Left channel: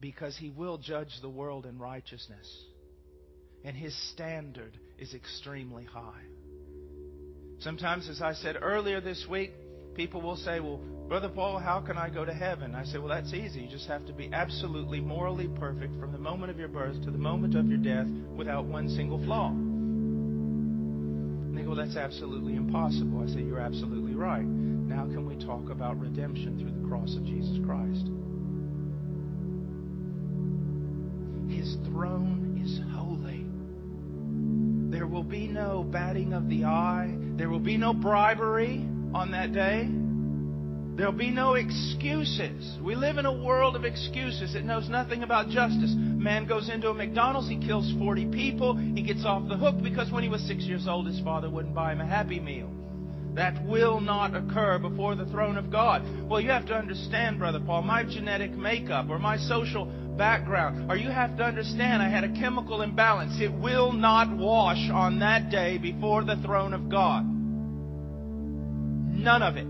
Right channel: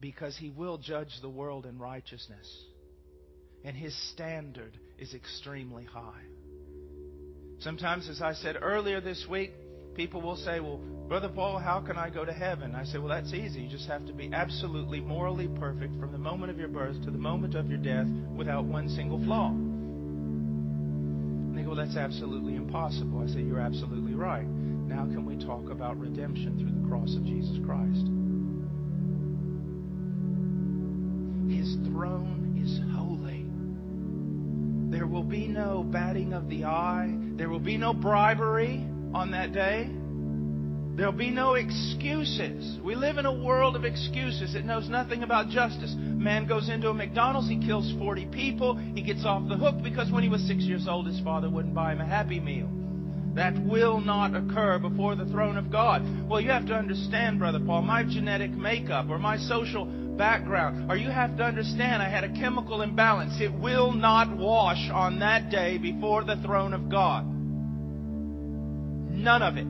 because He will judge the world in righteousness. And His standard is extremely high. Sometimes, as I said earlier this week, people will say, well, Brother Paul, how can I go to heaven? I say, well, that's easy. You just have to be absolutely morally perfect from the moment of your birth to the moment of your death without one single flaw. And they go, well, that's absolutely impossible. I say, you're absolutely right. Now can we talk about redemption through the cross of Jesus Christ? His throne is holy. There will be no batting of the eye. There will be no bribery on that day. There will be no excuses. We live in a world of excuses. It knows nothing about justice. A man goes into a McDonald's, he kills 40 people, he gets off the hook because when he was 6 years old, his father wouldn't buy him a Happy Meal. That will not occur before the throne of God. Well, you have to understand, Brother Paul, my genetic makeup or my social background, or you have to understand I had a chemical imbalance. It will not wash on that day before the throne of God. None of it.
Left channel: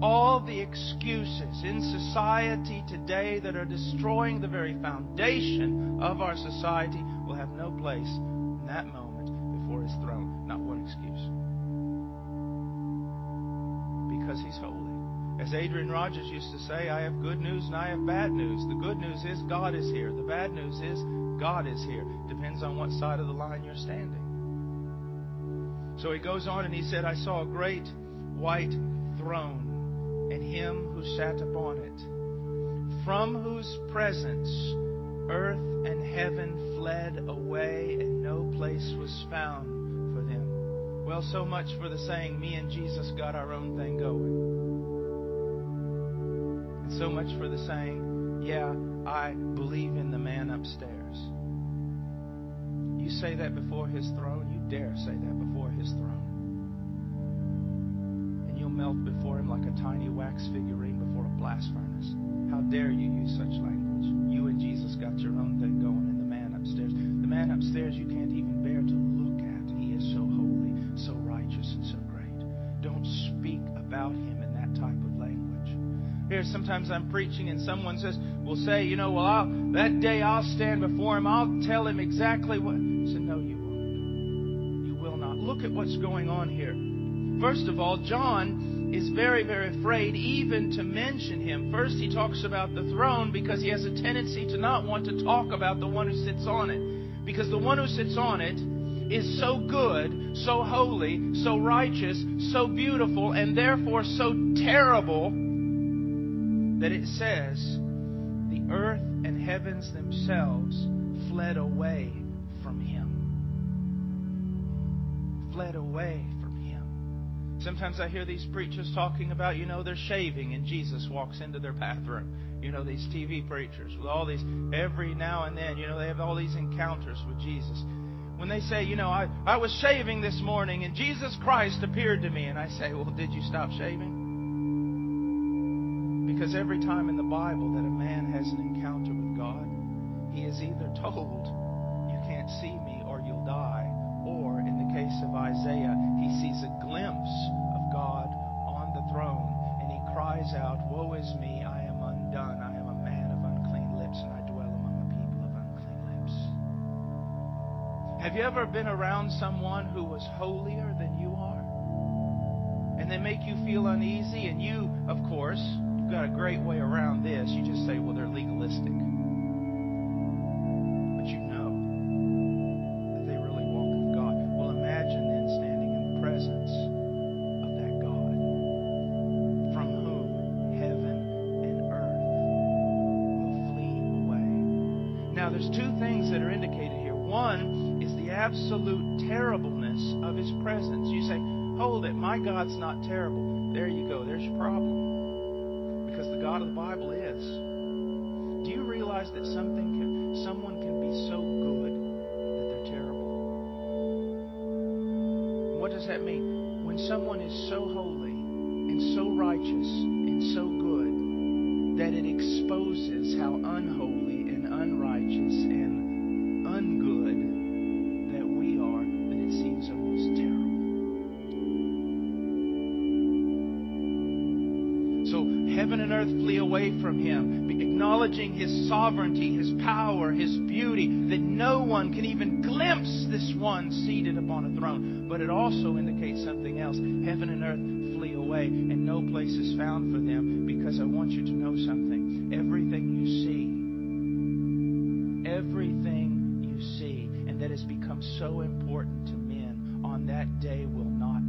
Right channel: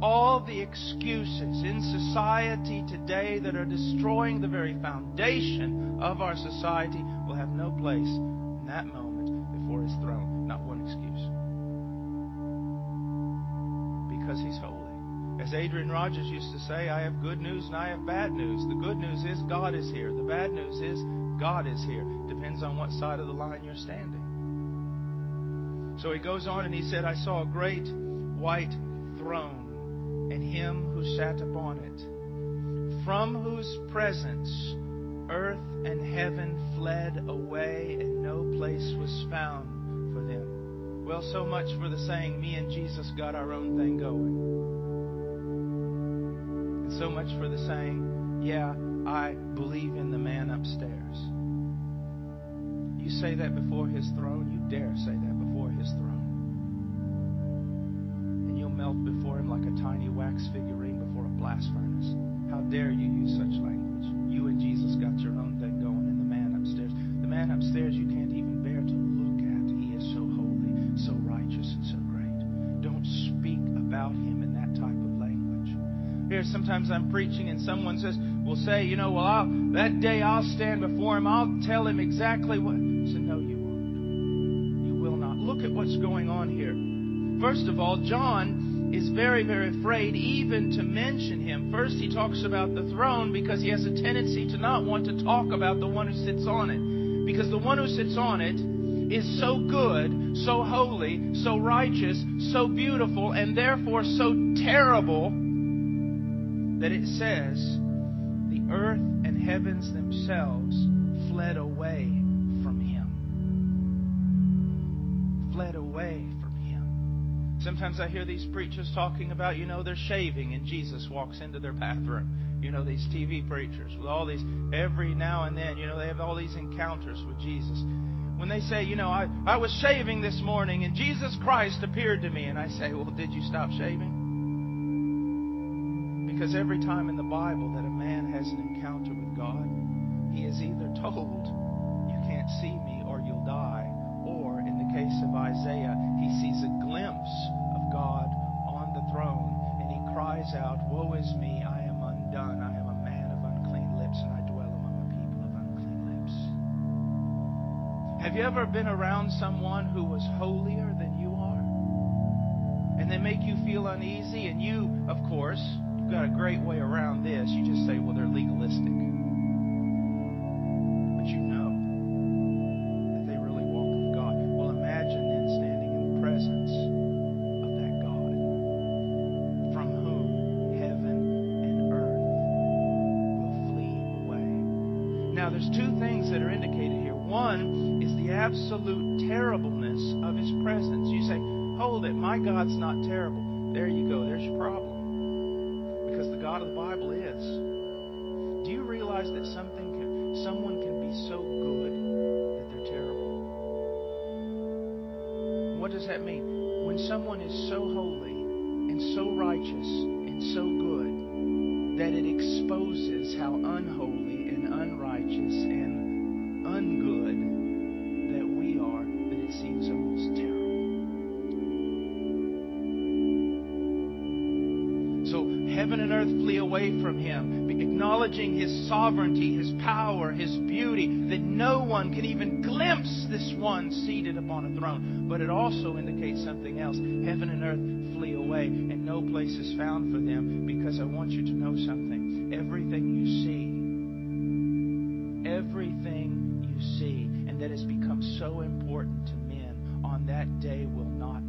All the excuses in society today that are destroying the very foundation of our society will have no place in that moment before His throne. Not one excuse. Because He's holy. As Adrian Rogers used to say, I have good news and I have bad news. The good news is God is here. The bad news is God is here. Depends on what side of the line you're standing. So he goes on and he said, I saw a great white throne and Him who sat upon it, from whose presence earth and heaven fled away and no place was found for them. Well, so much for the saying, me and Jesus got our own thing going. And so much for the saying, yeah, I believe in the man upstairs. You say that before His throne, you dare say that before His throne. And you'll melt before Him like a tiny wax figurine before a blast furnace. How dare you use such language? You and Jesus got your own thing going, and the man upstairs. The man upstairs you can't even bear to look at. He is so holy, so righteous, and so great. Don't speak about Him in that type of language. Here, sometimes I'm preaching and someone will say, that day I'll stand before Him. I'll tell Him exactly what. I said, no, you won't. You will not. Look at what's going on here. First of all, John is very, very afraid even to mention Him. First, he talks about the throne because he has a tendency to not want to talk about the one who sits on it. Because the one who sits on it is so good, so holy, so righteous, so beautiful, and therefore so terrible that it says the earth and heavens themselves fled away from Him. Fled away from Him. Sometimes I hear these preachers talking about, they're shaving and Jesus walks into their bathroom. These TV preachers with all these, every now and then, they have all these encounters with Jesus. When they say, I was shaving this morning and Jesus Christ appeared to me. And I say, well, did you stop shaving? Because every time in the Bible that a man has an encounter with God, he is either told, you can't see me or you'll die. Or, in the case of Isaiah, he sees a glimpse of God on the throne. And he cries out, woe is me, I am undone. I am a man of unclean lips and I dwell among a people of unclean lips. Have you ever been around someone who was holier than you are? And they make you feel uneasy, and you, of course, you've got a great way around this. You just say, well, they're legalistic. But you know that they really walk with God. Well, imagine then standing in the presence of that God from whom heaven and earth will flee away. Now, there's two things that are indicated here. One is the absolute terribleness of His presence. You say, hold it, my God's not terrible. There you go, there's your problem. Because the God of the Bible is. Do you realize that someone can be so good that they're terrible? What does that mean? When someone is so holy and so righteous and so good that it exposes how unholy and unrighteous and ungood that we are, that it seems almost terrible. So heaven and earth flee away from Him, acknowledging His sovereignty, His power, His beauty, that no one can even glimpse this one seated upon a throne. But it also indicates something else. Heaven and earth flee away, and no place is found for them, because I want you to know something. Everything you see, and that has become so important to men on that day will not